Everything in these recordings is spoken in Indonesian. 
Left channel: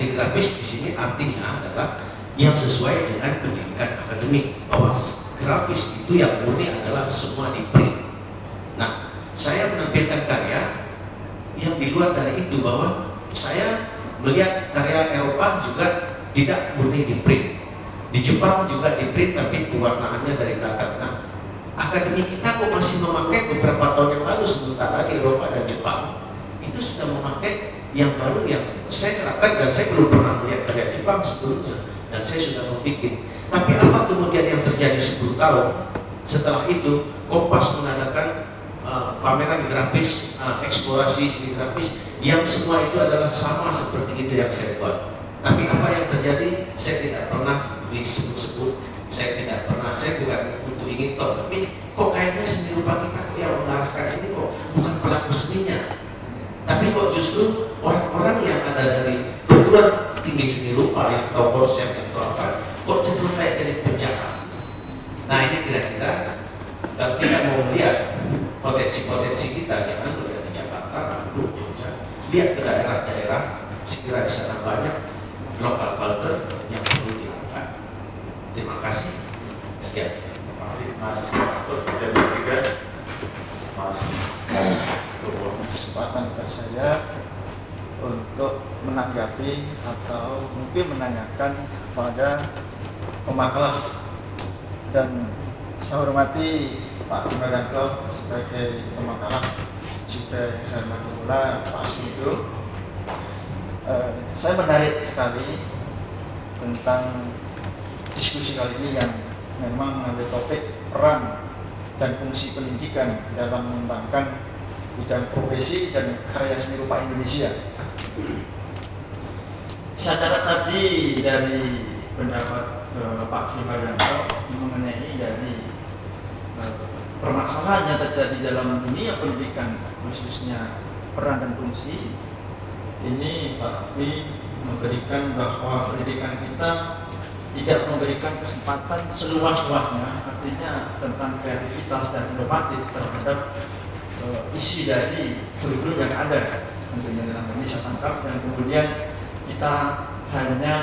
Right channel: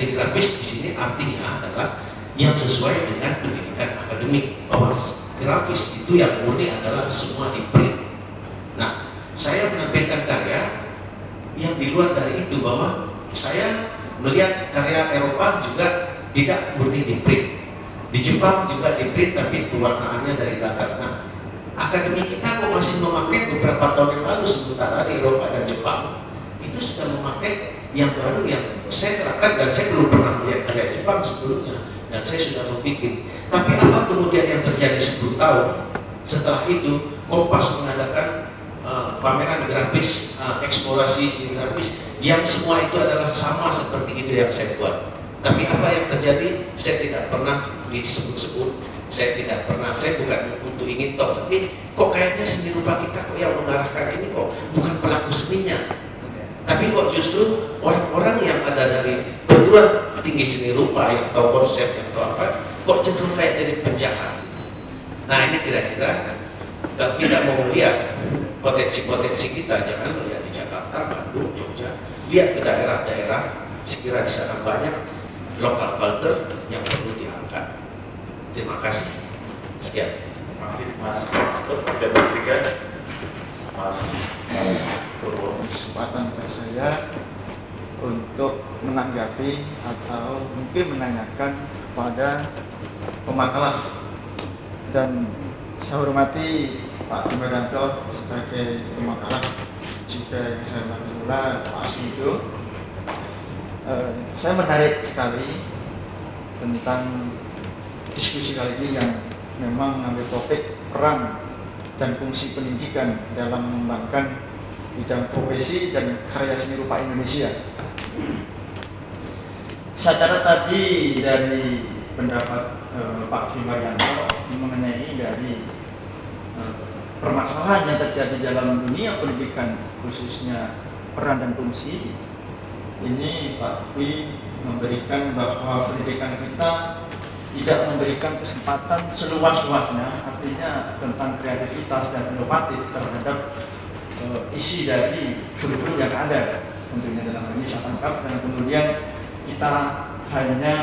seni grafis di sini artinya adalah yang sesuai dengan pendidikan akademik, bahwa grafis itu yang murni adalah semua di print. Nah, saya menampilkan karya yang di luar dari itu, bahwa saya melihat karya Eropa juga tidak murni di print. Di Jepang juga di print tapi pewarnaannya dari belakang. Nah, akademi kita kok masih memakai beberapa tahun yang lalu, sementara di Eropa dan Jepang itu sudah memakai yang baru yang saya terapkan, dan saya belum pernah melihat karya Jepang sebelumnya, dan saya sudah membuat. Tapi apa kemudian yang terjadi 10 tahun setelah itu, Kompas mengadakan pameran grafis, eksplorasi seni grafis yang semua itu adalah sama seperti itu yang saya buat. Tapi apa yang terjadi, saya tidak pernah disebut-sebut, saya tidak pernah, saya bukan untuk ingin tahu, tapi kok kayaknya seni rupa kita kok yang mengarahkan ini kok bukan pelaku seninya, tapi kok justru orang-orang yang ada dari perguruan tinggi seni rupa yang tahu konsep yang tahu apa, kok cenderung kayak jadi penjahat. Nah, ini kira-kira kalau tidak mau melihat potensi-potensi kita, jangan melihat di Jakarta, Bandung, Jogja, lihat ke daerah-daerah, sekiranya di sana banyak lokal culture yang perlu diangkat. Terima kasih. Sekian. Mas dan bertiga, Mas kesempatan ke saya untuk menanggapi atau mungkin menanyakan kepada pemakalah, dan saya hormati Pak Wimadanto sebagai pemakalah, juga saya pula Pak Asmido. Saya menarik sekali tentang diskusi kali ini yang memang mengambil topik peran dan fungsi pendidikan dalam mengembangkan bidang profesi dan karya seni rupa Indonesia. Saya catat tadi dari pendapat Pak Wimadanto mengenai dari permasalahan yang terjadi dalam dunia pendidikan, khususnya peran dan fungsi. Ini Pak Wi memberikan bahwa pendidikan kita tidak memberikan kesempatan seluas-luasnya, artinya tentang kreativitas dan inovatif terhadap isi dari kurikulum yang ada, tentunya dalam ini saya tangkap, dan kemudian kita hanya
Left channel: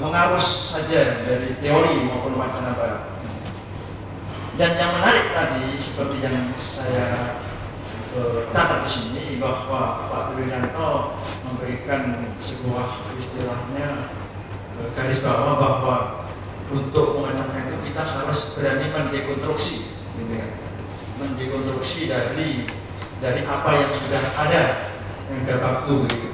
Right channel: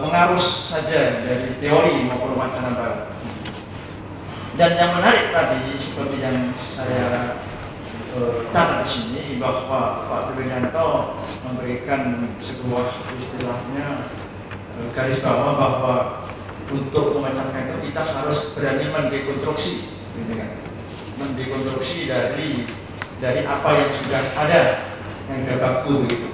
mengarus saja dari teori maupun wacana baru. Dan yang menarik tadi seperti yang saya catat di sini, bahwa Pak Wimadanto memberikan sebuah istilahnya garis bawah bahwa untuk memecahkan itu kita harus berani mendekonstruksi, gitu kan? Mendekonstruksi dari apa yang sudah ada, yang sudah baku, gitu.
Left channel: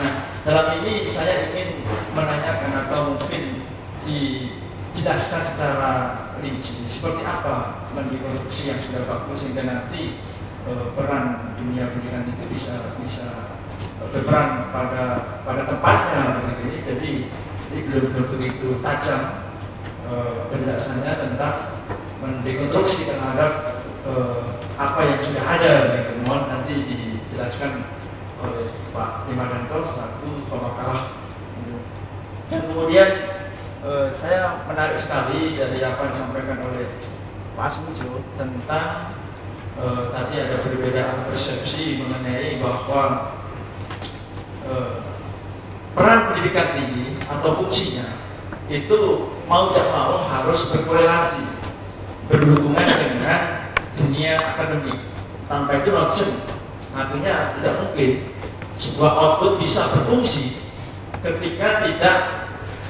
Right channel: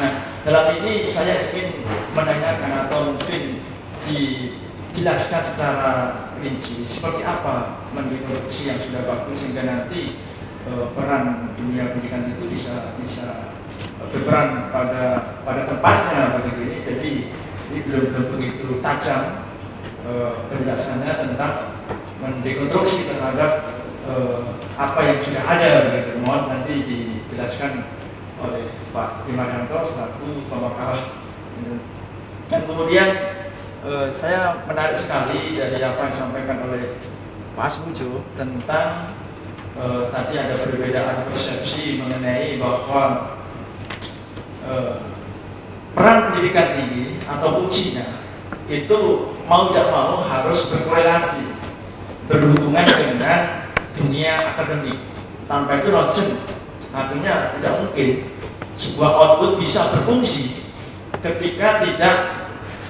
Nah, dalam ini saya ingin menanyakan atau mungkin dijelaskan secara rinci seperti apa mendekonstruksi yang sudah baku, sehingga nanti peran dunia pendidikan itu bisa berperan pada tempatnya begitu. Jadi ini belum begitu tajam penjelasannya tentang mendekonstruksi terhadap apa yang sudah ada begitu. Mohon nanti dijelaskan oleh Pak Wimadanto selaku pemakalah. Dan kemudian saya menarik sekali dari apa yang disampaikan oleh Pak Asmujo tentang tadi ada perbedaan persepsi mengenai bahwa peran pendidikan tinggi atau fungsinya itu mau tidak mau harus berkorelasi, berhubungan dengan dunia akademik. Tanpa itu nonsen, artinya tidak mungkin sebuah output bisa berfungsi ketika tidak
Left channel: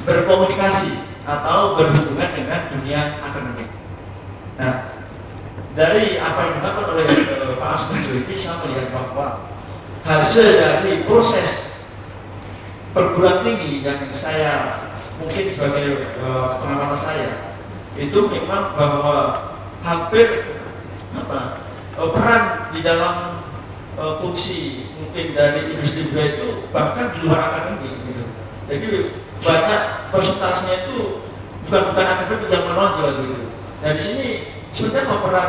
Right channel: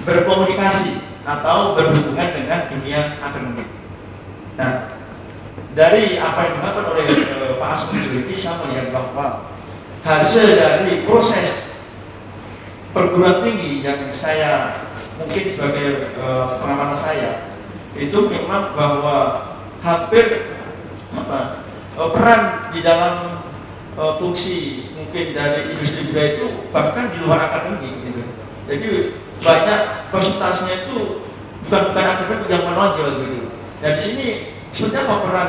berkomunikasi atau berhubungan dengan dunia akademik. Nah, dari apa yang dilakukan oleh Pak Asmujo ini, saya melihat bahwa hasil dari proses perguruan tinggi yang saya mungkin sebagai pengamatan saya itu memang bahwa hampir peran di dalam fungsi mungkin dari industri budaya itu bahkan di luar akademik, gitu. Jadi banyak persentasenya itu bukan akademik yang menonjol, gitu. Dan di sini sebenarnya peran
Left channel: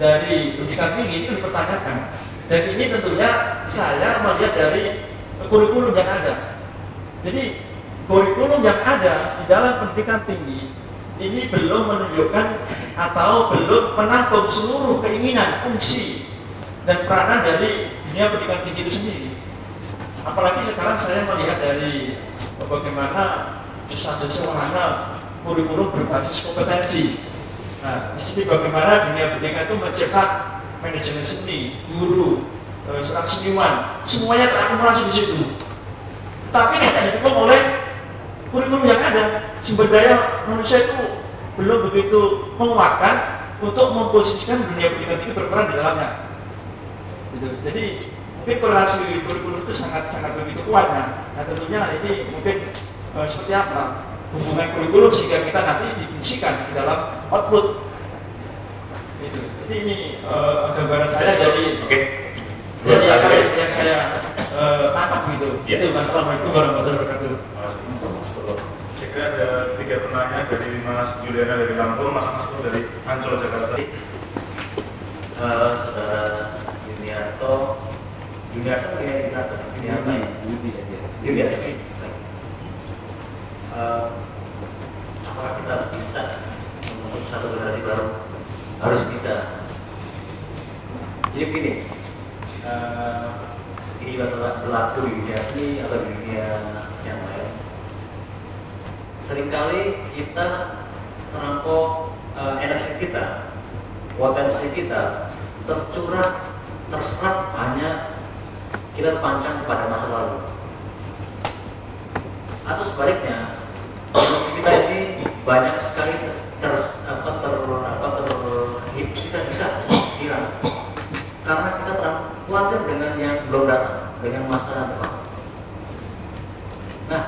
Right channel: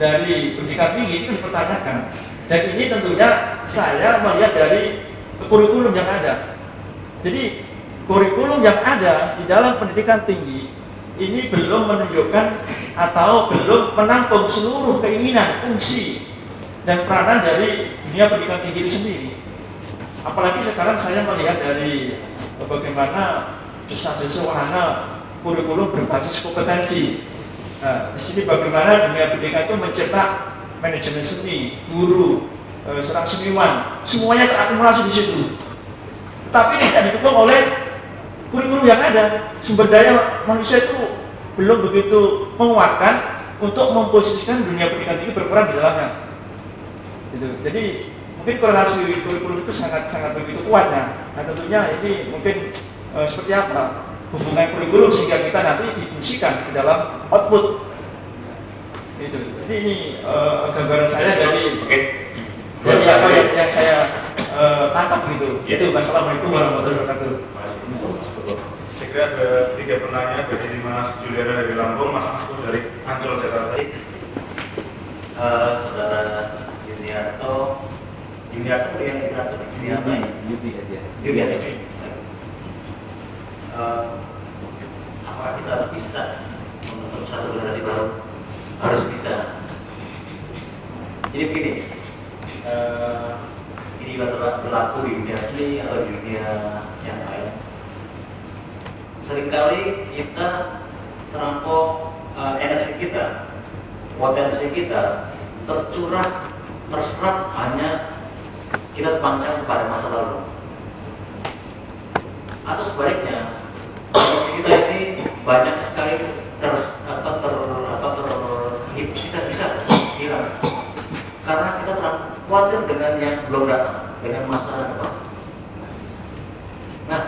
dari pendidikan tinggi itu dipertanyakan. Dan ini tentunya saya melihat dari kurikulum yang ada. Jadi kurikulum yang ada di dalam pendidikan tinggi ini belum menunjukkan atau belum menampung seluruh keinginan, fungsi, dan peranan dari dunia pendidikan tinggi itu sendiri. Apalagi sekarang saya melihat dari bagaimana desa-desa wahana kurikulum berbasis kompetensi. Nah, di sini bagaimana dunia pendidikan itu mencetak manajemen seni, guru, seorang seniman, semuanya terakumulasi di situ. Tapi tidak didukung oleh kurikulum yang ada. Sumber daya manusia itu belum begitu menguatkan untuk memposisikan dunia pendidikan tinggi berperan di dalamnya. Gitu. Jadi mungkin korelasi kurikulum itu sangat begitu kuatnya. Nah tentunya ini mungkin seperti apa hubungan kurikulum sehingga kita nanti difungsikan di dalam output. Gitu. Jadi ini gambaran saya dari apa yang saya tangkap gitu. Itu. Wassalamualaikum warahmatullahi wabarakatuh. Saya kira ada 3 penanya dari Mas Juliana dari Lampung, Mas Maskur dari Ancol Jakarta. Saudara Yuniarto apakah kita bisa membentuk satu generasi baru? Harus bisa. Jadi begini, ini berlaku di dunia seni atau di dunia yang lain. Seringkali kita terlampau energi kita, potensi kita terserap hanya kita terpancang kepada masa lalu. Atau sebaliknya, kita ini banyak sekali kita bisa hilang karena kita khawatir dengan yang belum datang, dengan masa depan. Nah,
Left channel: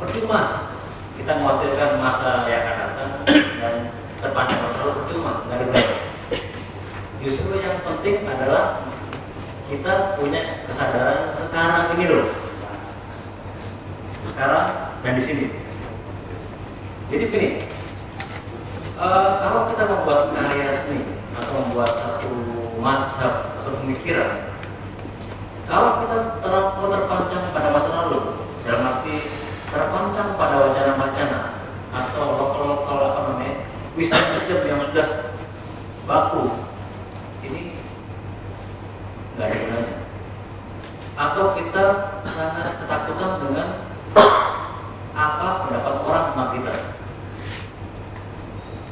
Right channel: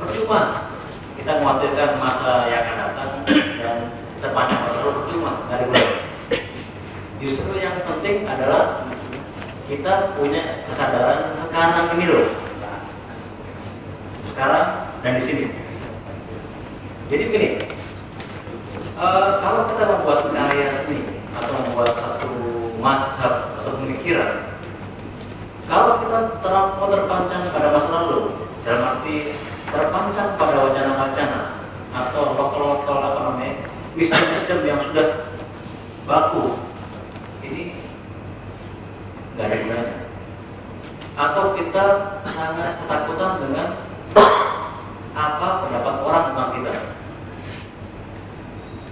percuma kita mengkhawatirkan masa yang akan datang dan terpancang terlalu percuma, nggak ada gunanya. Justru yang penting adalah kita punya kesadaran sekarang ini loh, sekarang dan di sini. Jadi begini, kalau kita membuat karya seni atau membuat satu mazhab atau pemikiran, kalau kita terpancang pada masa lalu, dalam arti terpancang pada wacana-wacana atau lokal wisdom yang sudah baku, ini nggak ada gunanya. Atau kita sangat ketakutan dengan apa pendapat orang tentang kita.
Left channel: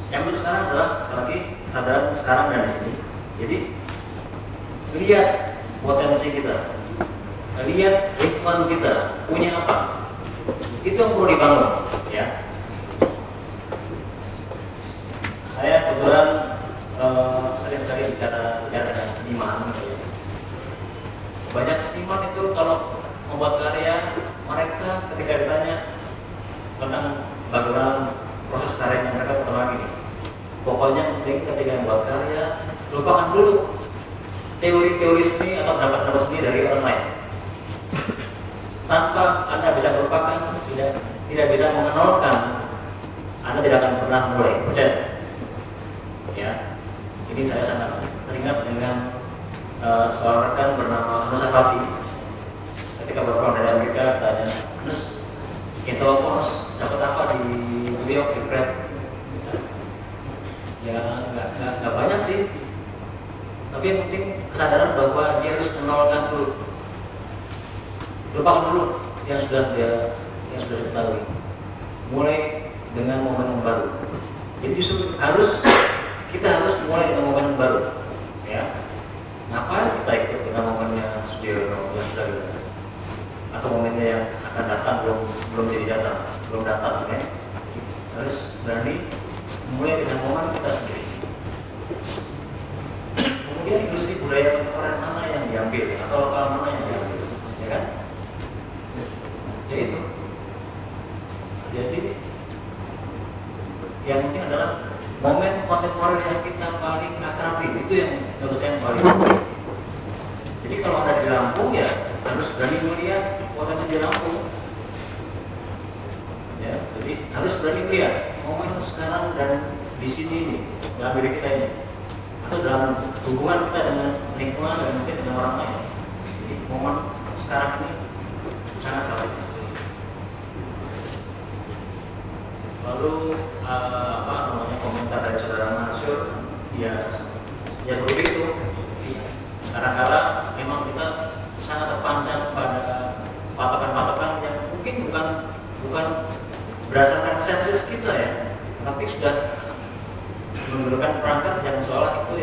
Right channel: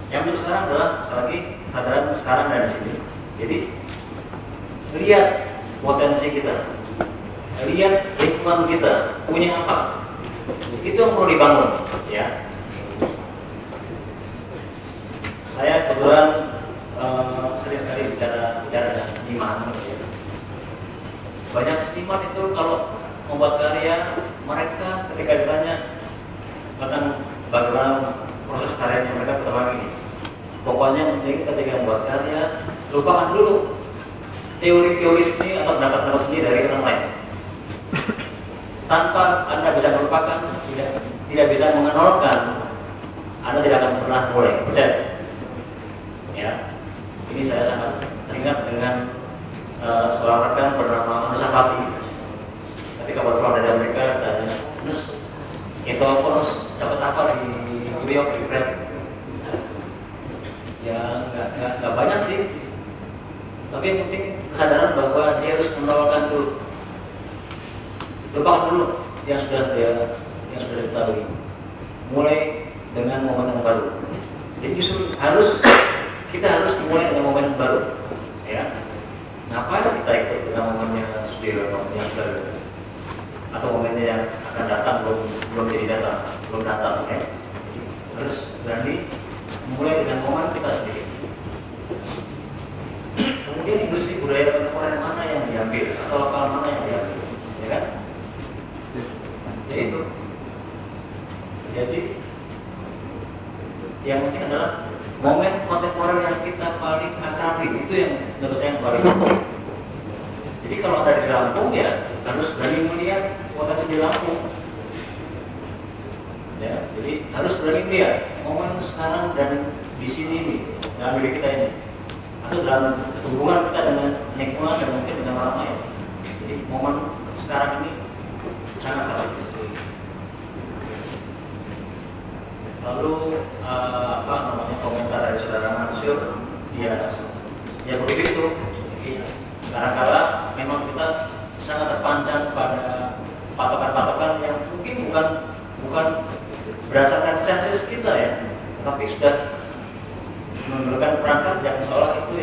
Yang penting sekarang adalah sekali lagi kesadaran sekarang dan di sini. Jadi lihat potensi kita, lihat lingkungan kita punya apa, itu yang perlu dibangun. Ya, saya kebetulan sering sekali bicara dengan seniman. Ya. Banyak seniman itu kalau membuat karya, mereka ketika ditanya tentang bagaimana proses karyanya, mereka berkata lagi, pokoknya penting ketika membuat karya, lupakan dulu teori-teori seni atau pendapat-pendapat seni dari orang lain. Tanpa Anda bisa melupakan, tidak bisa mengenalkan, Anda tidak akan pernah mulai. Percaya? Ya. Jadi saya sangat teringat dengan seorang rekan bernama Musa Fafi. Ketika baru pulang dari Amerika, tanya, "Nus, itu harus dapat apa di New York di Brad?" Ya nggak banyak sih, tapi yang penting kesadaran bahwa dia harus menolakkan dulu, lupakan dulu yang sudah diketahui, mulai dengan momen yang baru. Jadi justru kita harus mulai dengan momen yang baru, ya. Ngapain kita ikut dengan momennya yang sudah ada, atau momennya yang akan datang belum datang, ya. Terus berani mulai dengan momen kita sendiri. Kemudian industri budaya kontemporer mana yang diambil atau lokal mana yang diambil, ya kan? Jadi yang mungkin adalah momen kontemporer yang kita paling akrabi, itu yang menurut saya yang paling penting. Jadi kalau ada di Lampung, ya harus berani melihat potensi di Lampung. Ya, jadi harus berani melihat momen sekarang dan di sini nih, dalam diri kita ini, atau dalam hubungan kita dengan lingkungan dan mungkin dengan orang lain. Jadi momen sekarang ini sangat strategis. Lalu komentar dari saudara Mansur, ya begitu. Kadang-kadang memang kita sangat terpancang pada patokan-patokan yang mungkin bukan berdasarkan sensus kita ya, tapi sudah menunjukkan perangkat yang seolah itu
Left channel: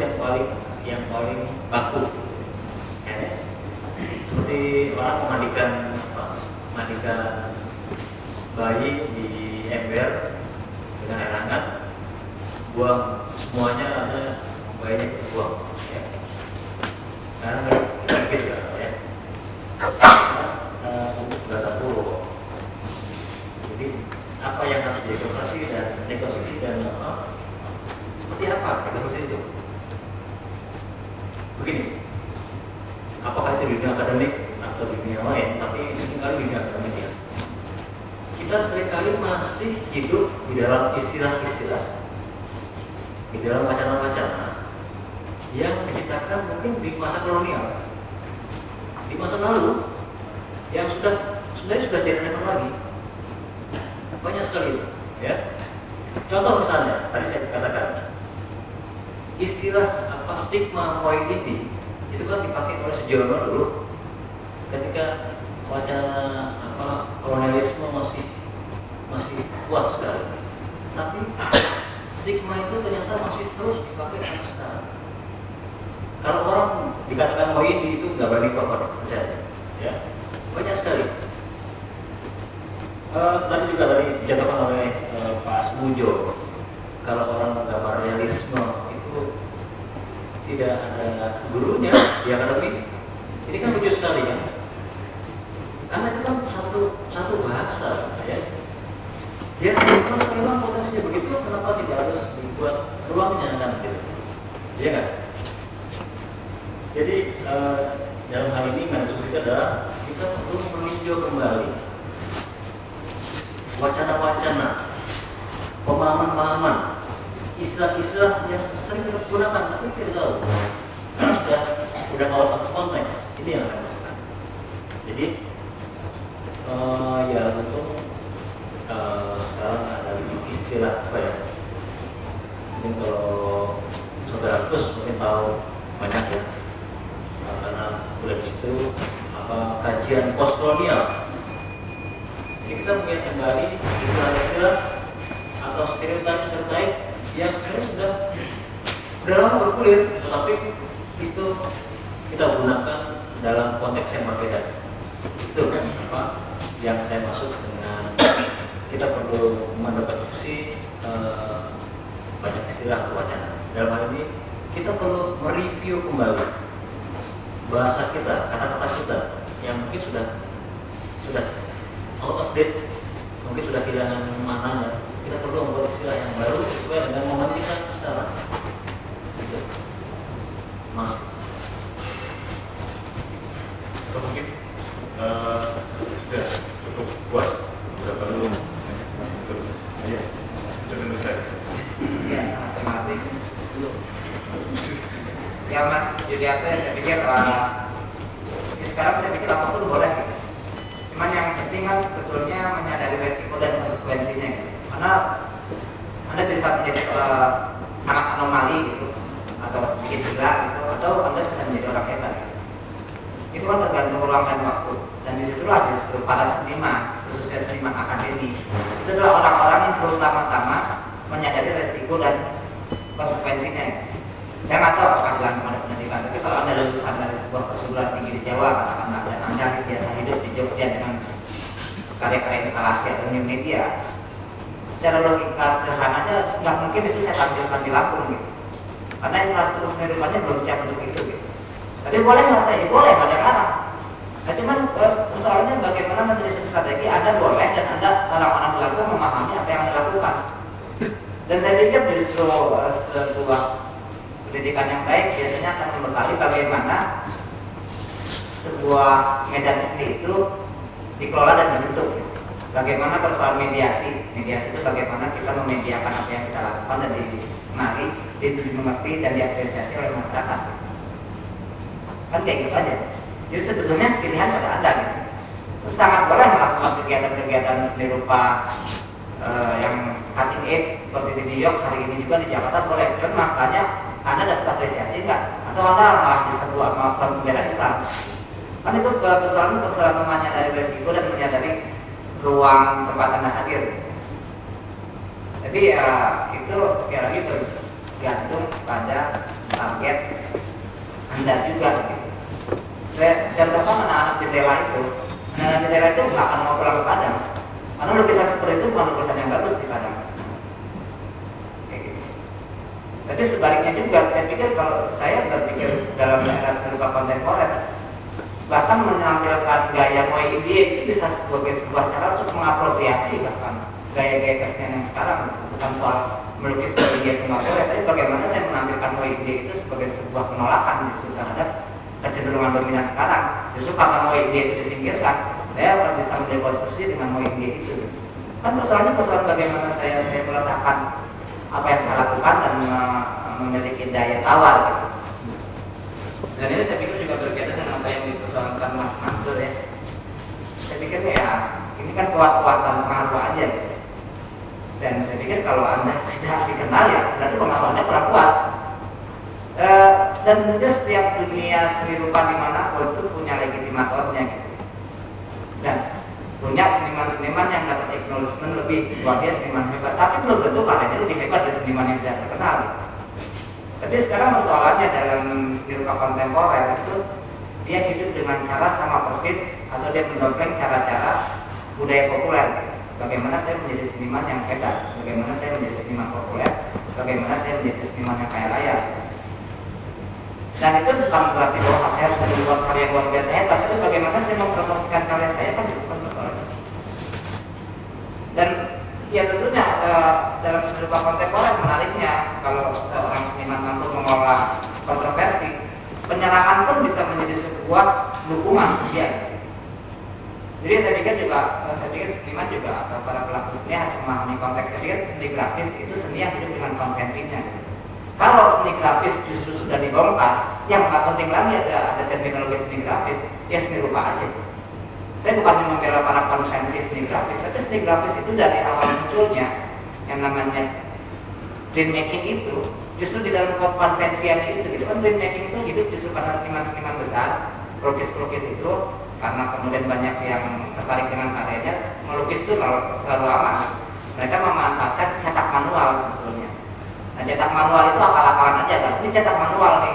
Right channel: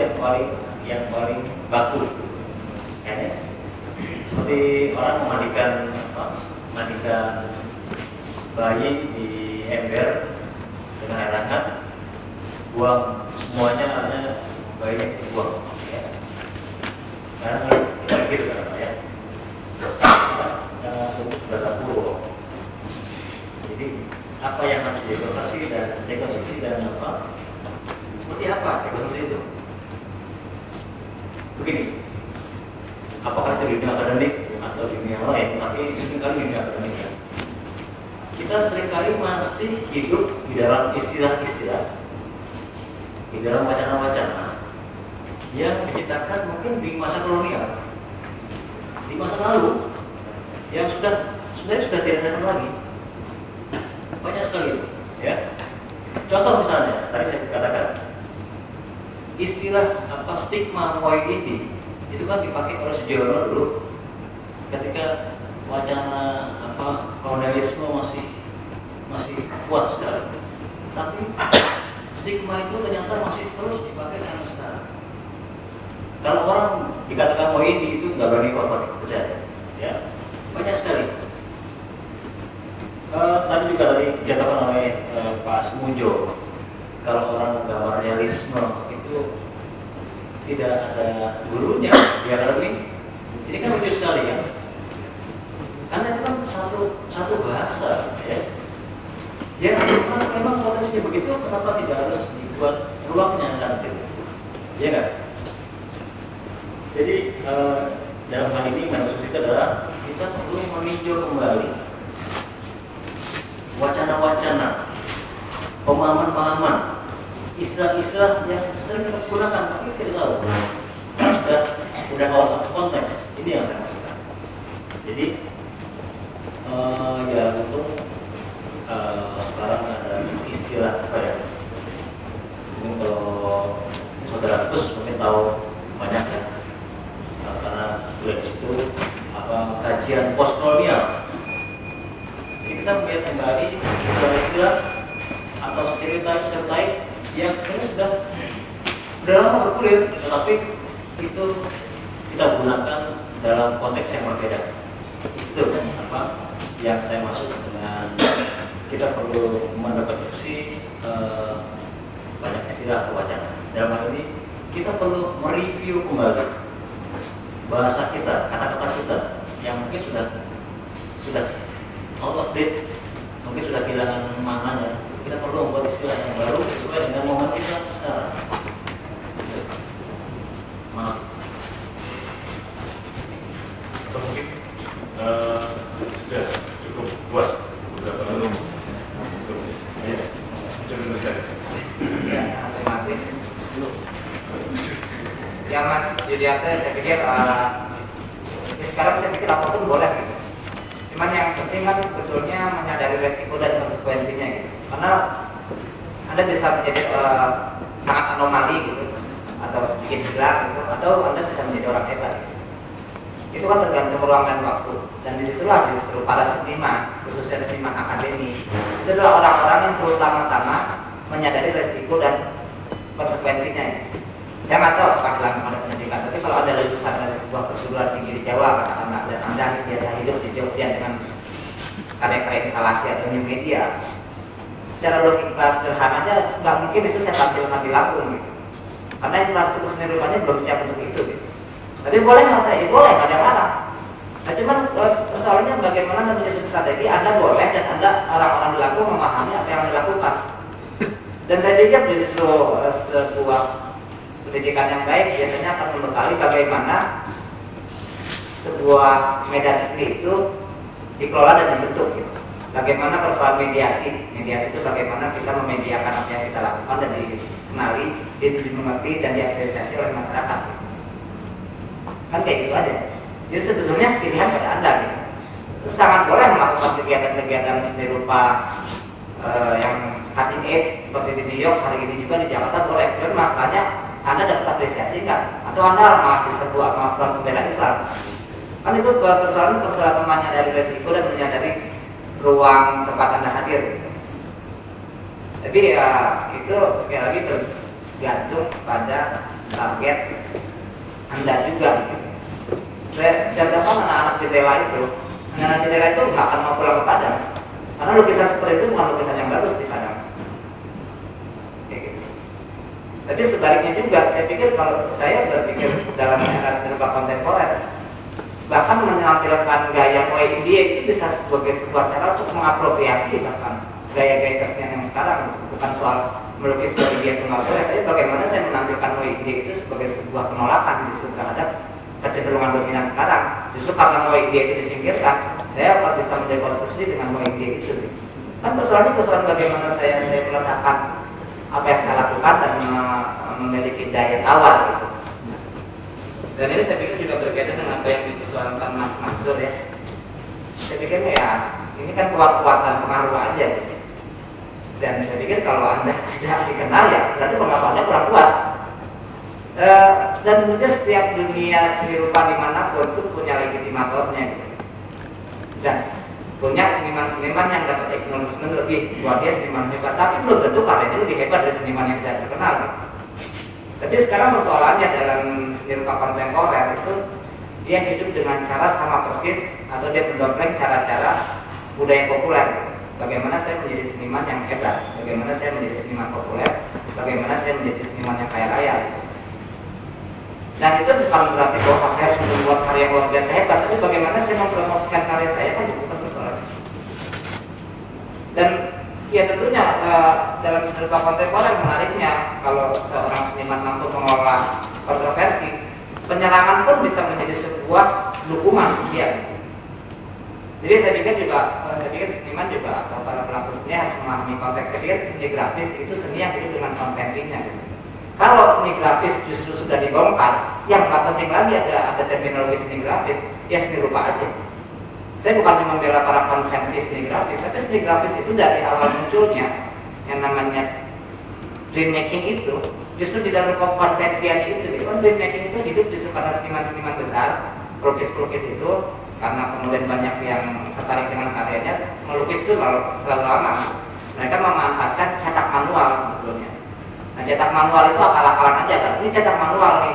yang paling baku. Ya, seperti orang memandikan bayi di ember dengan air hangat, buang semuanya hanya bayi dibuang. Ya. Karena kita pikir ya. Sudah tahu. Jadi apa yang harus dievaluasi dan rekonstruksi dan apa? Seperti apa rekonstruksi itu? Begini, apakah itu dunia akademik atau dunia lain? Tapi seringkali dunia akademik ya. Kita seringkali masih hidup di dalam istilah-istilah, di dalam wacana-wacana yang diciptakan mungkin di masa kolonial, di masa lalu, yang sudah tidak ada lagi. Banyak sekali, ya. Contoh misalnya, tadi saya katakan istilah apa stigma morbidity itu kan dipakai oleh Sujono dulu ketika wacana apa kolonialisme masih kuat sekali. Tapi stigma itu ternyata masih terus dipakai sampai sekarang. Kalau orang dikatakan morbidity itu nggak berani apa-apa, percaya, ya. Banyak sekali. Tadi juga dari dikatakan oleh Pak Asmujo, kalau orang gambar realisme itu tidak ada gurunya di akademi. Ini kan lucu sekali kan? Karena itu kan satu bahasa, ya. Ya, memang prosesnya begitu, kenapa tidak harus dibuat ruangnya nanti? Ya kan? Jadi dalam hal ini maksud kita adalah kita perlu meninjau kembali wacana-wacana, pemahaman-pemahaman, istilah-istilah yang sering kita gunakan tapi tidak tahu sudah out of konteks. Ini yang saya maksudkan. Jadi ya untuk sekarang ada istilah apa ya? Ini kalau saudara Gus mungkin tahu banyak ya, karena sudah di situ apa kajian postkolonial. Jadi kita melihat kembali istilah-istilah atau stereotip yang sebenarnya sudah lama bergulir, tetapi itu kita gunakan dalam konteks yang berbeda. Itu kan apa yang saya maksud dengan kita perlu mendekonstruksi banyak istilah atau wacana. Dalam hal ini kita perlu mereview kembali bahasa kita, kata-kata kita yang mungkin sudah out of date, mungkin sudah kehilangan maknanya. Kita perlu membuat istilah yang baru sesuai dengan momen kita sekarang. Masih. Mungkin sudah cukup puas. Sudah belum. Ya, otomatis. Ya Mas Judiarte, saya pikir sekarang saya pikir apapun boleh gitu. Cuman yang penting kan sebetulnya menyadari resiko dan konsekuensinya gitu. Karena Anda bisa menjadi sangat anomali gitu, atau sedikit gila gitu, atau Anda bisa menjadi orang hebat gitu. Itu kan tergantung ruang dan waktu. Dan disitulah justru para seniman, khususnya seniman akademi, itu adalah orang-orang yang terutama-tama menyadari resiko dan konsekuensinya ya. Saya nggak tahu apakah dilakukan pada pendidikan, tapi kalau ada lulusan dari sebuah perguruan tinggi di Jawa, dan Anda biasa hidup di Jogja dengan karya-karya instalasi atau new media, secara logika sederhana aja nggak mungkin itu saya tampilkan di Lampung gitu. Karena infrastruktur seni rupanya belum siap untuk itu gitu. Tapi boleh nggak saya? Boleh, nggak ada yang larang. Nah cuman persoalannya bagaimana menyusun strategi Anda boleh dan Anda orang-orang di Lampung memahami apa yang dilakukan. Dan saya pikir justru sebuah pendidikan yang baik biasanya akan membekali bagaimana sebuah medan seni itu dikelola dan dibentuk gitu. Bagaimana persoalan mediasi itu bagaimana kita memediakan apa yang kita lakukan dan dikenali, dimengerti dan diapresiasi oleh masyarakat gitu. Kan kayak gitu aja. Jadi sebetulnya pilihan pada Anda gitu. Terus sangat boleh melakukan kegiatan-kegiatan seni rupa yang cutting edge seperti di New York hari ini juga di Jakarta boleh. Tapi masalahnya Anda dapat apresiasi enggak? Atau Anda malah diserbu melakukan pembela Islam? Kan itu persoalan menyadari resiko dan menyadari ruang tempat Anda hadir. Tapi ya itu sekali lagi tergantung pada target Anda juga. Saya beberapa anak-anak jendela itu nggak akan mau pulang ke Padang karena lukisan seperti itu bukan lukisan yang bagus di Padang. Tapi sebaliknya juga, saya pikir kalau saya berpikir dalam era berupa kontemporer, bahkan menampilkan gaya Moi India itu bisa sebagai sebuah cara untuk mengapropriasi bahkan gaya-gaya kesenian yang sekarang. Bukan soal melukis Moi India itu nggak boleh, tapi bagaimana saya menampilkan Moi India itu sebagai sebuah penolakan justru terhadap kecenderungan dominan sekarang. Justru karena Moi India itu disingkirkan, saya akan bisa mendekonstruksi dengan Moi India itu. Kan persoalannya bagaimana saya meletakkan apa yang saya lakukan dan memiliki daya tawar gitu. Dan ini saya pikir juga berbeda dengan apa yang dipersoalkan Mas Mansur ya. Saya pikir ya ini kan kuat-kuatan pengaruh aja gitu. Dan saya pikir kalau Anda tidak dikenal ya berarti pengaruh Anda kurang kuat. Dan tentunya setiap dunia seni rupa dimanapun itu punya legitimatornya gitu. Dan punya seniman-seniman yang dapat acknowledgement lebih, buat dia seniman hebat, tapi belum tentu karyanya lebih hebat dari seniman yang tidak terkenal. Tapi sekarang persoalannya dalam seni rupa kontemporer itu dia hidup dengan cara sama persis atau dia mendompleng cara-cara budaya populer. Bagaimana saya menjadi seniman yang hebat, bagaimana saya menjadi seniman populer, bagaimana saya menjadi seniman yang kaya raya. Dan itu bukan berarti bahwa saya harus membuat karya luar biasa hebat, tapi bagaimana saya mempromosikan karya saya kan bukan persoalan. Dan ya tentunya dalam seni rupa kontemporer menariknya kalau seorang seniman mampu mengolah kontroversi, penyerangan pun bisa menjadi sebuah dukungan dia. Jadi saya pikir seniman juga atau para pelaku seni harus memahami konteks. Saya pikir seni grafis itu seni yang hidup dengan konvensinya. Kalau seni grafis justru sudah dibongkar, yang nggak penting lagi ada terminologi seni grafis, ya seni rupa aja. Saya bukannya membela para konvensi seni grafis, tapi seni grafis itu dari awal munculnya yang namanya printmaking itu justru di dalam konvensian itu. Kan printmaking itu hidup justru karena seniman-seniman besar, pelukis-pelukis itu karena kemudian banyak yang tertarik dengan karyanya. Melukis itu kalau selalu lama, mereka memanfaatkan cetak manual sebetulnya. Nah, cetak manual itu akal-akalan aja kan. Ini cetak manual nih.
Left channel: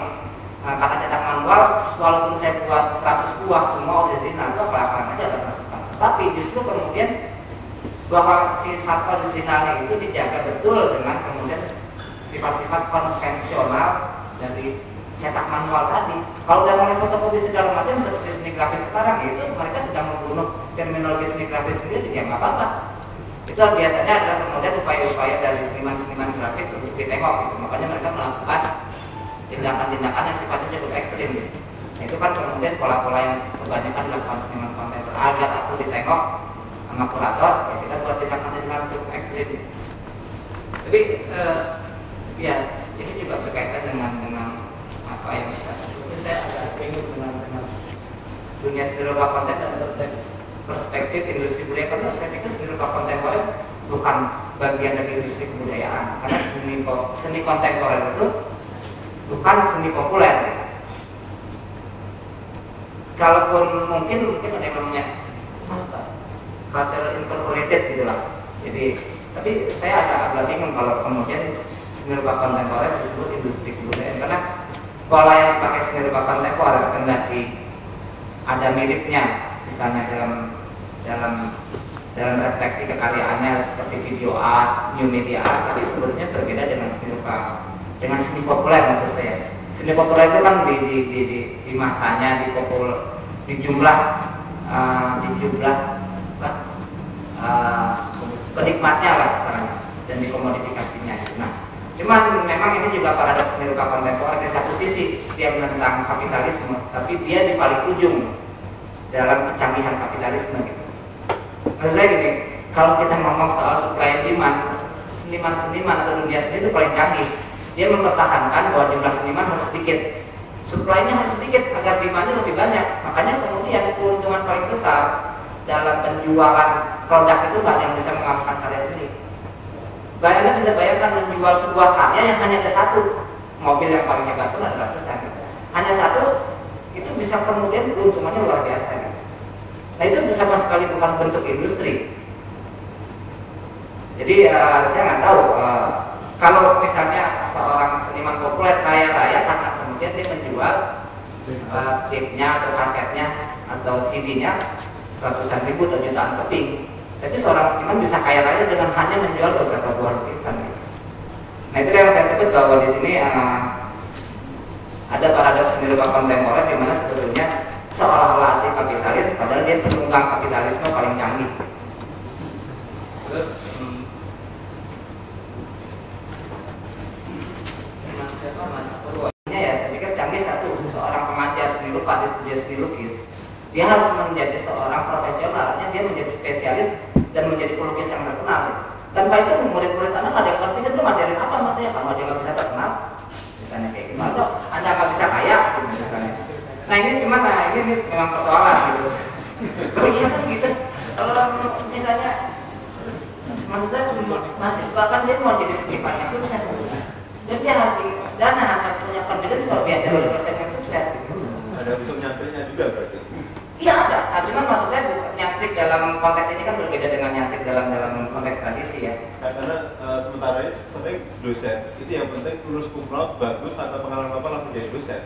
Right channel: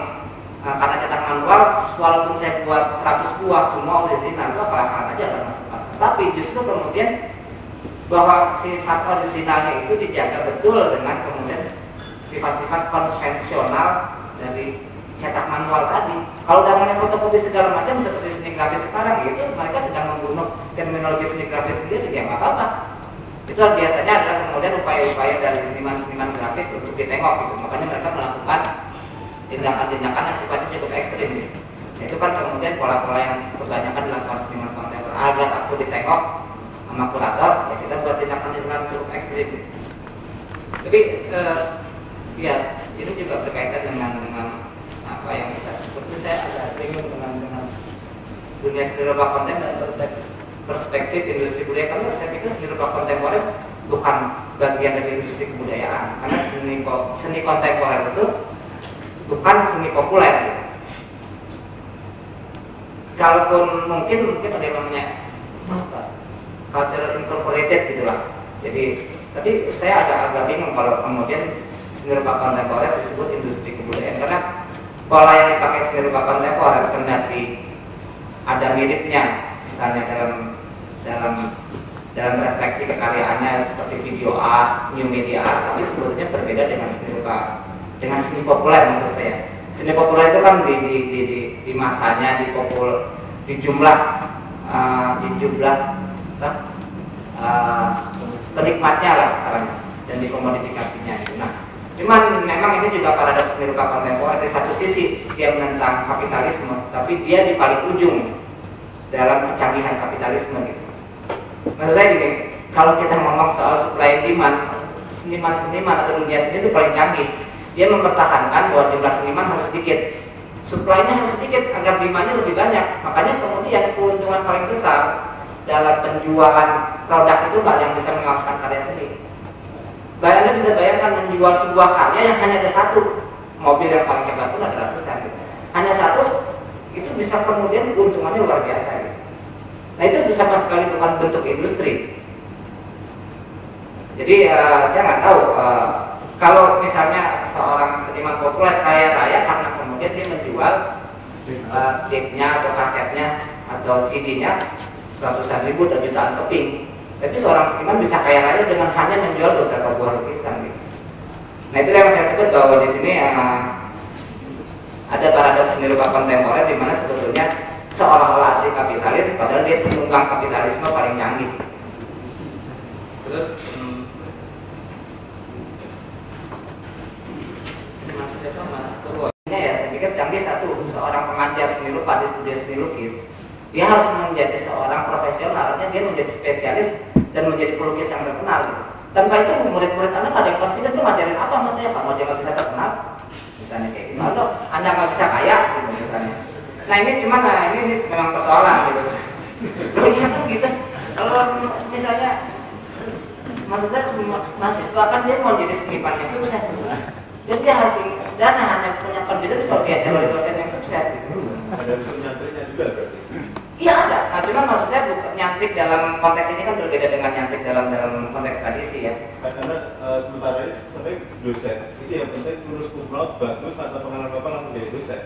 Nah, karena cetak manual, walaupun saya buat 100 buah semua original, itu akal-akalan aja kan masing-masing. Tapi justru kemudian bahwa sifat originalnya itu dijaga betul dengan kemudian sifat-sifat konvensional dari cetak manual tadi. Kalau dengan fotokopi segala macam seperti seni grafis sekarang, itu mereka sedang membunuh terminologi seni grafis sendiri, ya nggak apa-apa. Itu biasanya adalah kemudian upaya-upaya dari seniman-seniman grafis untuk ditengok gitu. Makanya mereka melakukan tindakan-tindakan yang sifatnya cukup ekstrim gitu. Nah, itu kan kemudian pola-pola yang kebanyakan dilakukan seniman kontemporer. Agar aku ditengok sama kurator, ya kita buat tindakan-tindakan cukup ekstrim gitu. Tapi ya ini juga berkaitan dengan apa yang kita sebut. Saya agak bingung dengan dunia seni rupa konten dan perspektif industri budaya, karena saya pikir seni rupa kontemporer bukan bagian dari industri kebudayaan, karena seni kontemporer itu bukan seni populer. Kalaupun mungkin ada yang namanya cultural incorporated gitulah. Jadi, tapi saya agak bingung kalau kemudian seni rupa kontemporer disebut industri kebudayaan, karena pola yang dipakai seni rupa kontemporer kendati ada miripnya, misalnya dalam refleksi kekaryaannya seperti video art, new media art, tapi sebetulnya berbeda dengan seni populer maksud saya. Seni populer itu kan di masanya, di jumlah penikmatnya lah dan di komodifikasinya. Nah, cuman memang ini juga paradoks seni rupa kontemporer. Di satu sisi dia menentang kapitalisme, tapi dia di paling ujung dalam kecanggihan kapitalisme gitu. Maksud saya gini, kalau kita ngomong soal supply and demand, seniman-seniman atau dunia seni itu paling canggih. Dia mempertahankan bahwa jumlah seniman harus sedikit, supply-nya harus sedikit agar demand-nya lebih banyak. Makanya kemudian keuntungan paling besar dalam penjualan produk itu banyak yang bisa mengalahkan karya seni. Anda bisa bayangkan menjual sebuah karya yang hanya ada satu, mobil yang paling hebat pun ada ratusan. Hanya satu, itu bisa kemudian keuntungannya luar biasa. Nah itu sama sekali bukan bentuk industri. Jadi saya nggak tahu kalau misalnya seorang seniman populer kaya raya karena kemudian dia menjual tape-nya atau kasetnya atau CD-nya ratusan ribu atau jutaan keping. Jadi seorang seniman bisa kaya raya dengan hanya menjual beberapa buah lukisan. Gitu. Nah itu yang saya sebut bahwa di sini ada paradoks seni rupa kontemporer di mana sebetulnya seolah-olah anti kapitalis padahal dia penunggang kapitalisme paling canggih. Terus Mas Purwonya ya saya pikir canggih satu, seorang pengajar seni rupa di studio seni lukis dia harus menjadi seorang profesional, artinya dia menjadi spesialis dan menjadi pelukis yang terkenal. Tanpa itu murid-murid Anda ada yang confident itu ngajarin apa mas saya, kamu aja nggak bisa terkenal misalnya kayak gimana, atau Anda nggak bisa kaya gitu, misalnya. Nah ini gimana, ini memang persoalan gitu. Oh iya kan gitu, kalau misalnya maksudnya mahasiswa kan dia mau jadi seniman yang sukses gitu. Dan dia harus dana hanya punya confidence kalau dia jadi dosen yang sukses gitu. Ada unsur nyantanya juga berarti? Iya ada, nah cuman maksud saya nyantrik dalam konteks ini kan berbeda dengan nyantrik dalam konteks tradisi ya. Karena sementara ini sering dosen, itu yang penting lulus cum laude bagus atau pengalaman Bapak langsung jadi dosen.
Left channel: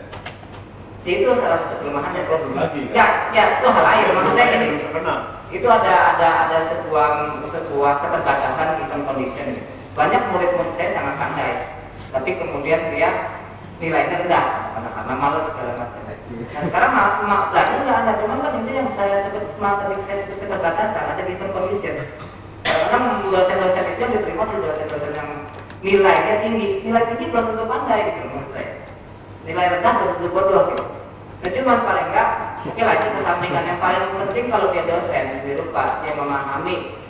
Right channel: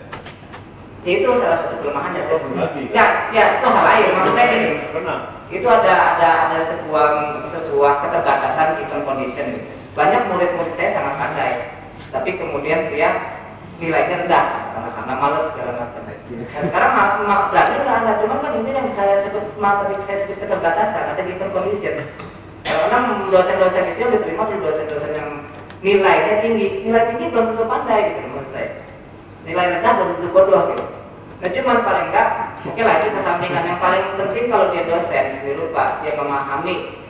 Itu salah satu kelemahannya. Problem lagi Ya kan? itu hal lain, maksud saya gini. Terkenal. Itu ada sebuah keterbatasan given condition. Banyak murid-murid saya sangat pandai, tapi kemudian dia nilainya rendah karena males segala macam. Nah sekarang berarti nggak ada, cuman kan itu yang saya sebut tadi saya sebut keterbatasan, ada given condition. Karena dosen-dosen itu yang diterima di dosen-dosen yang nilainya tinggi, nilai tinggi belum tentu pandai gitu menurut saya. Nilai rendah belum tentu bodoh gitu. Nah cuman paling enggak, oke lah itu kesampingan yang paling penting kalau dia dosen seni rupa, dia memahami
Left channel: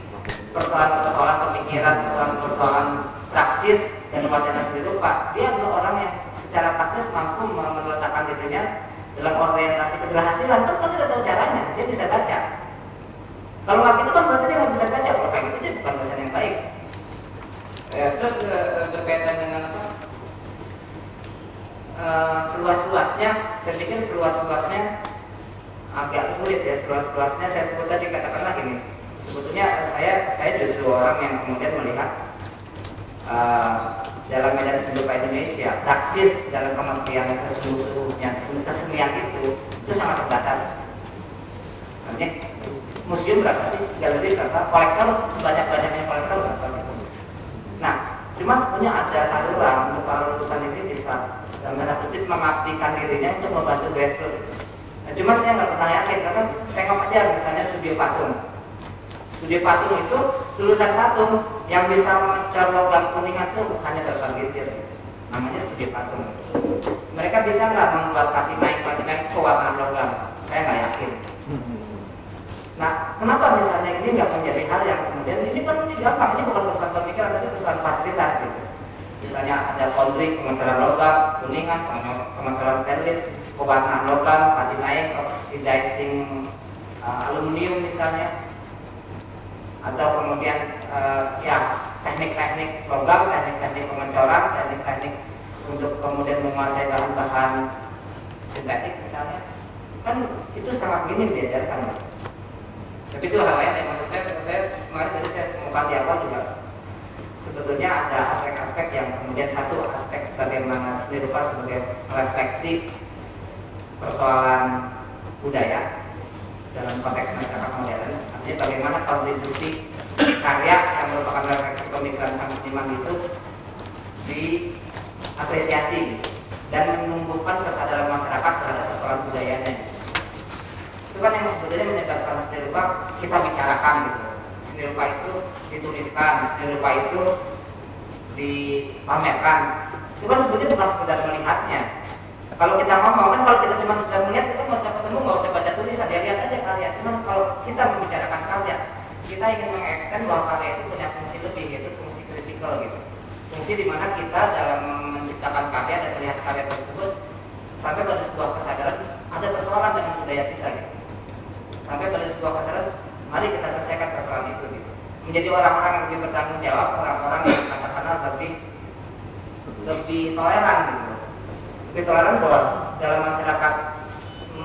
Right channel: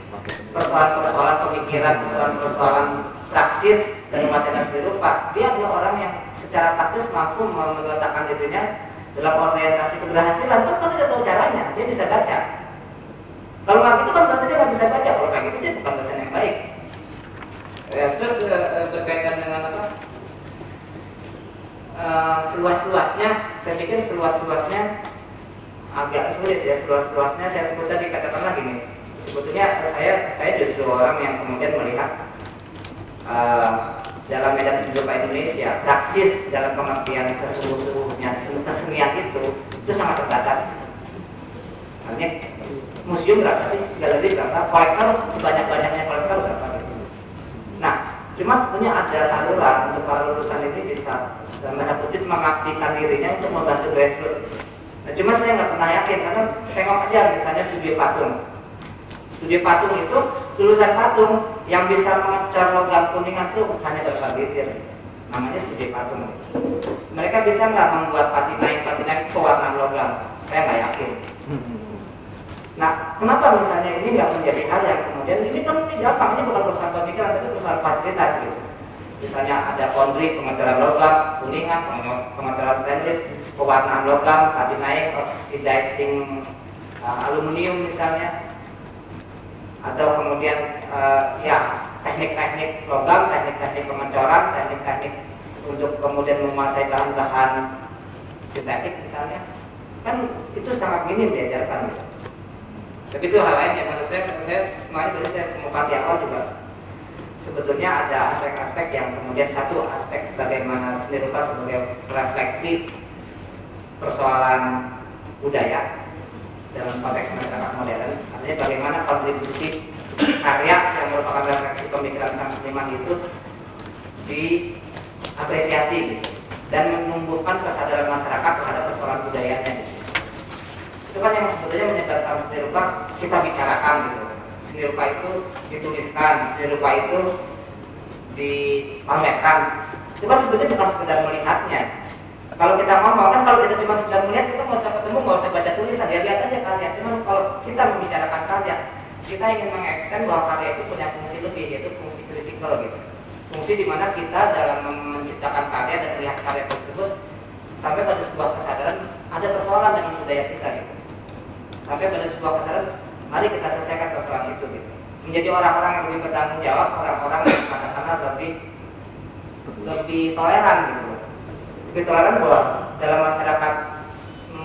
persoalan-persoalan pemikiran, persoalan praksis dan wacana seni rupa, dia adalah orang yang secara praktis mampu meletakkan dirinya dalam orientasi keberhasilan. Kan tidak tahu caranya, dia bisa baca. Kalau nggak gitu kan berarti dia nggak bisa baca. Kalau kayak gitu dia bukan dosen yang baik. Ya, terus berkaitan dengan apa? Seluas-luasnya, saya pikir seluas-luasnya agak sulit ya. Seluas-luasnya saya sebut tadi katakanlah gini. Sebetulnya saya justru orang yang kemudian melihat dalam medan seni rupa Indonesia, praksis dalam pengertian sesungguhnya kesenian itu sangat terbatas. Artinya museum berapa sih? Galeri berapa? Kolektor sebanyak-banyaknya kolektor berapa? Nah, cuma sebenarnya ada saluran untuk para lulusan ini bisa dalam tanda kutip mengabdikan dirinya untuk membantu grassroots. Nah, cuma saya nggak pernah yakin karena tengok aja misalnya studio patung. Studio patung itu lulusan patung yang bisa mengejar logam kuningan itu hanya berapa litir. Namanya studio patung. Mereka bisa nggak membuat patina pewarnaan logam? Saya nggak yakin. Nah, kenapa misalnya ini nggak menjadi hal yang kemudian ini kan ini gampang, ini bukan perusahaan pemikiran tapi perusahaan fasilitas gitu. Misalnya ada kondrik, pengecoran logam, kuningan, pengecoran stainless, pewarnaan logam, patina, oxidizing aluminium misalnya. Atau kemudian ya teknik-teknik logam, teknik-teknik pengecoran, teknik-teknik untuk kemudian menguasai bahan-bahan sintetik misalnya, kan itu sangat minim diajarkan. Tapi itu hal lain yang menurut saya kemarin tadi saya kemukakan di awal juga sebetulnya ada aspek-aspek yang kemudian satu aspek bagaimana seni rupa sebagai refleksi persoalan budaya dalam konteks masyarakat modern, artinya bagaimana kontribusi karya yang merupakan refleksi pemikiran sang seniman itu diapresiasi dan menumbuhkan kesadaran masyarakat terhadap persoalan budayanya. Itu kan yang sebetulnya menyebabkan seni rupa kita bicarakan gitu. Seni rupa itu dituliskan, seni rupa itu dipamerkan. Itu kan sebetulnya bukan sekedar melihatnya. Kalau kita ngomong kan, kalau kita cuma sekedar melihat, kita nggak usah ketemu, nggak usah baca tulisan, ya lihat aja karya. Cuman kalau kita membicarakan karya, kita ingin mengekstend bahwa karya itu punya fungsi lebih, yaitu fungsi kritikal gitu. Fungsi di mana kita dalam menciptakan karya dan melihat karya tersebut sampai pada sebuah kesadaran ada persoalan dengan budaya kita gitu. Sampai pada sebuah kesadaran, mari kita selesaikan persoalan itu gitu. Menjadi orang-orang yang lebih bertanggung jawab, orang-orang yang katakanlah lebih toleran gitu. Lebih toleran bahwa dalam masyarakat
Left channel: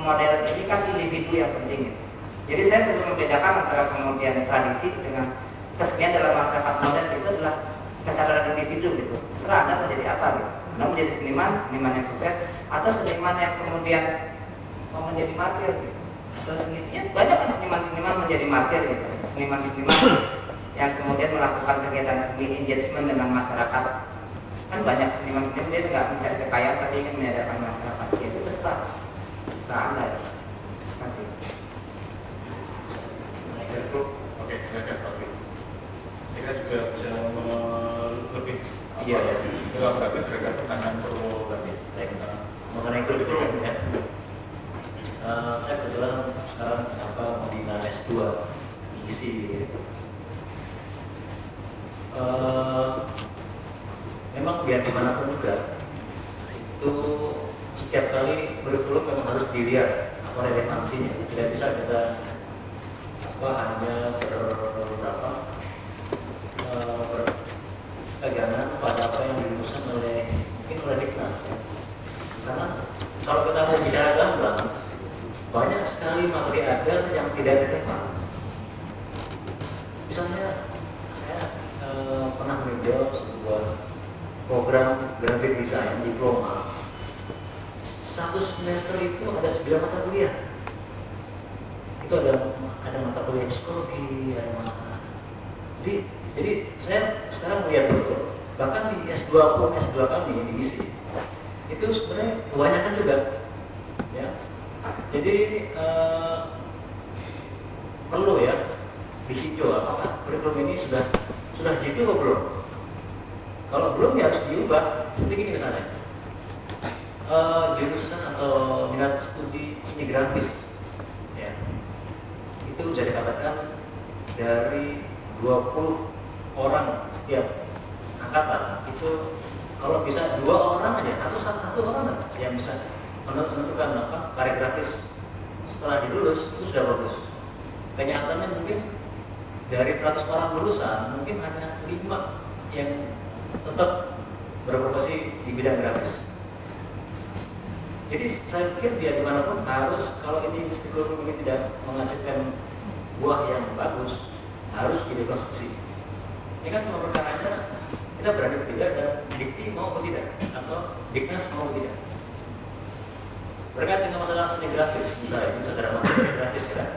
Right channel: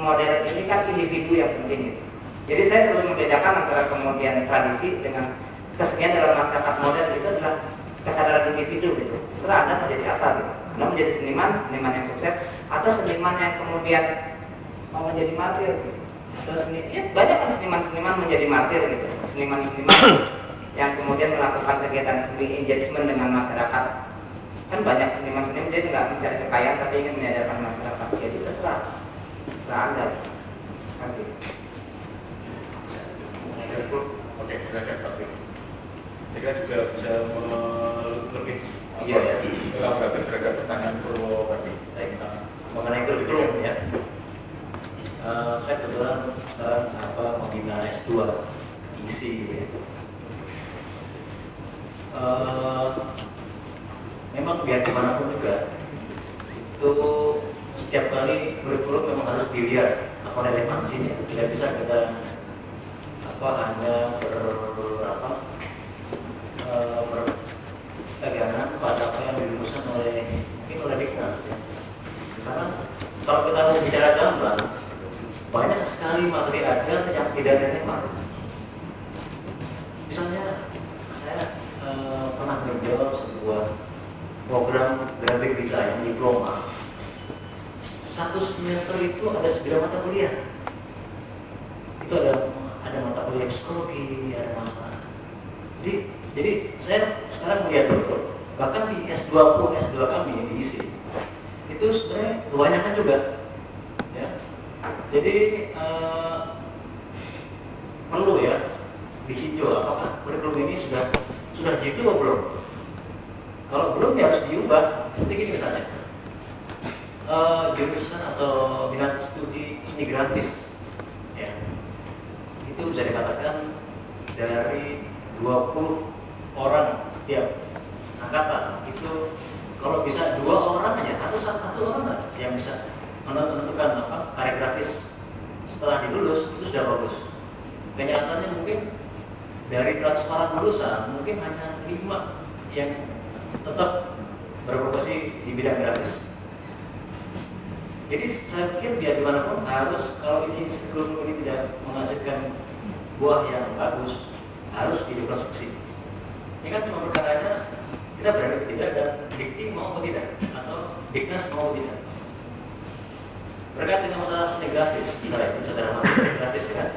modern ini kan individu yang penting gitu. Jadi saya selalu membedakan antara kemudian tradisi dengan kesenian dalam masyarakat modern itu adalah kesadaran individu gitu. Terserah Anda menjadi apa gitu. Anda menjadi seniman yang sukses, atau seniman yang kemudian mau menjadi martir gitu. Atau ya, banyak kan seniman menjadi martir gitu. Seniman yang kemudian melakukan kegiatan seni engagement dengan masyarakat. Kan banyak seniman dia nggak mencari kekayaan tapi ingin menyadarkan masyarakat. Itu terserah Anda. Terima kasih. Oke, saya Pak. Kita juga bisa lebih elaboratif terhadap pertanyaan Purwo tadi. Baik, mengenai kurikulum ya. Saya kebetulan sekarang membina S2 isi gitu. Memang biar gimana pun juga itu setiap kali kurikulum memang harus dilihat apa relevansinya. Tidak bisa kita hanya berpegangan pada apa yang dirumuskan oleh Diknas ya. Karena kalau kita mau bicara gamblang, banyak sekali materi ajar yang tidak relevan. Misalnya saya pernah menjawab sebuah program grafik desain diploma. 1 semester itu ada 9 mata kuliah. Itu ada mata kuliah psikologi, ada mata. Jadi saya sekarang melihat dulu, bahkan di S2 kami diisi itu sebenarnya kebanyakan juga, ya. Jadi perlu ya ditinjau apakah kurikulum ini sudah jitu atau belum. Kalau belum ya harus diubah. Seperti ini misalnya, jurusan atau minat studi seni grafis, ya, itu bisa dikatakan dari 20 orang setiap angkatan itu kalau bisa 2 orang aja atau 1 orang yang bisa menentukan karir grafis setelah dilulus itu sudah bagus. Kenyataannya mungkin dari 100 orang lulusan mungkin hanya 5 yang tetap berprofesi di bidang grafis. Jadi saya pikir biar gimana pun harus, kalau ini kurikulum ini tidak menghasilkan buah yang bagus, harus direkonstruksi. Ini kan cuma perkara aja kita berani tidak dan dikti mau atau tidak, atau Diknas mau atau tidak. Berkait dengan masalah seni grafis, misalnya ini saudara seni grafis kan.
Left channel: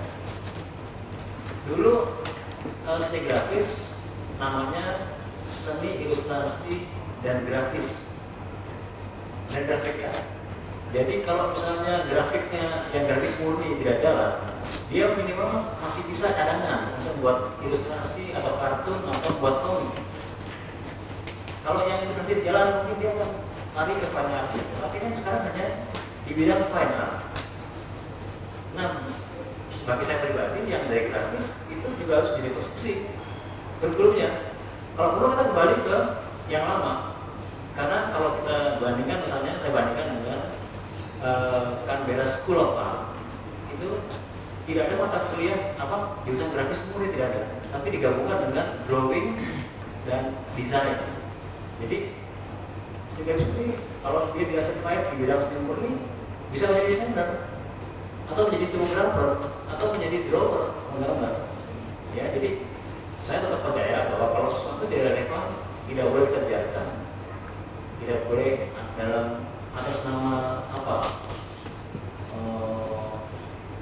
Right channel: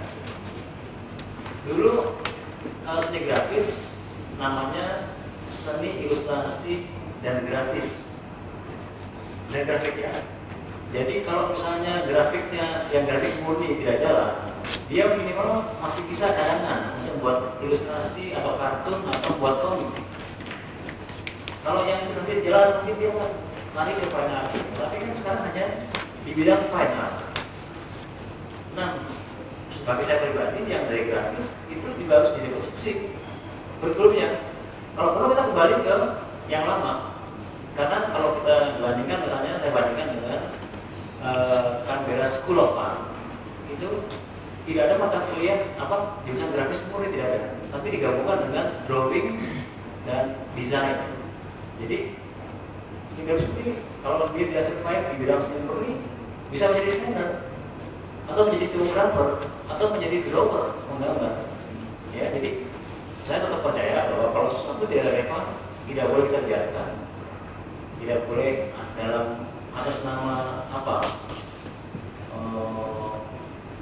Dulu kalau seni grafis namanya seni ilustrasi dan grafis. Dan grafik ya. Jadi kalau misalnya grafiknya yang grafis murni tidak jalan, dia minimal masih bisa cadangan untuk buat ilustrasi atau kartun atau buat komik. Kalau yang ilustrasi jalan mungkin dia akan lari ke banyak. Tapi kan sekarang hanya di bidang fine art. Nah, bagi saya pribadi yang dari grafis itu juga harus direkonstruksi kurikulumnya. Kalau perlu kita kembali ke yang lama, karena kalau kita bandingkan, misalnya saya bandingkan dengan Canberra School of Art, itu tidak ada mata kuliah jurusan grafis murni, tidak ada, tapi digabungkan dengan drawing dan desain. Jadi seperti kalau dia tidak certified di bidang seni murni bisa menjadi desainer atau menjadi filmmaker atau menjadi drawer menggambar. Ya, jadi saya tetap percaya bahwa kalau sesuatu tidak relevan tidak boleh kita biarkan, tidak boleh dalam atas nama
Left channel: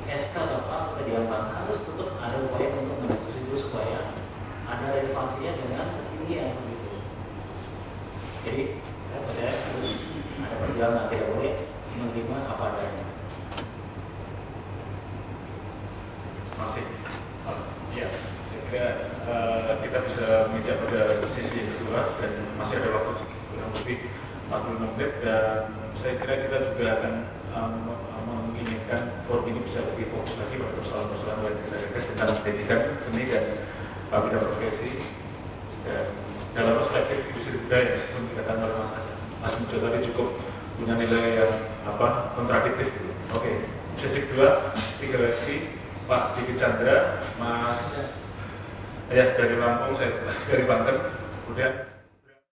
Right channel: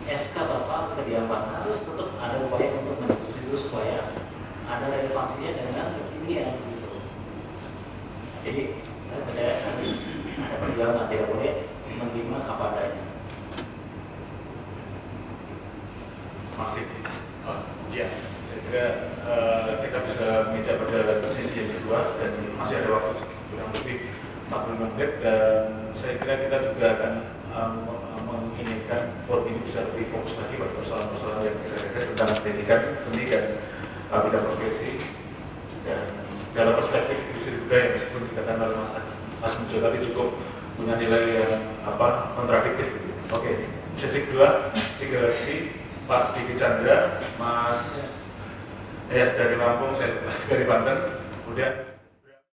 SK atau apa diamankan, harus tetap ada upaya untuk mendiskusi itu supaya ada relevansinya dengan kekinian gitu. Jadi saya percaya harus ada perjuangan, tidak boleh menerima apa adanya. Masih, ya, saya kira kita bisa menginjak pada sisi yang kedua dan masih ada waktu kurang lebih 45 menit, dan saya kira kita juga akan menginginkan forum ini bisa lebih fokus lagi pada persoalan-persoalan yang kita lihat tentang pendidikan seni dan bidang profesi, dan dalam perspektif industri budaya yang seperti dikatakan oleh Mas Muncul tadi cukup punya nilai yang kontradiktif gitu. Oke, sesi kedua tinggal lagi Pak Diki Chandra, Mas dari Lampung, saya dari Banten, udah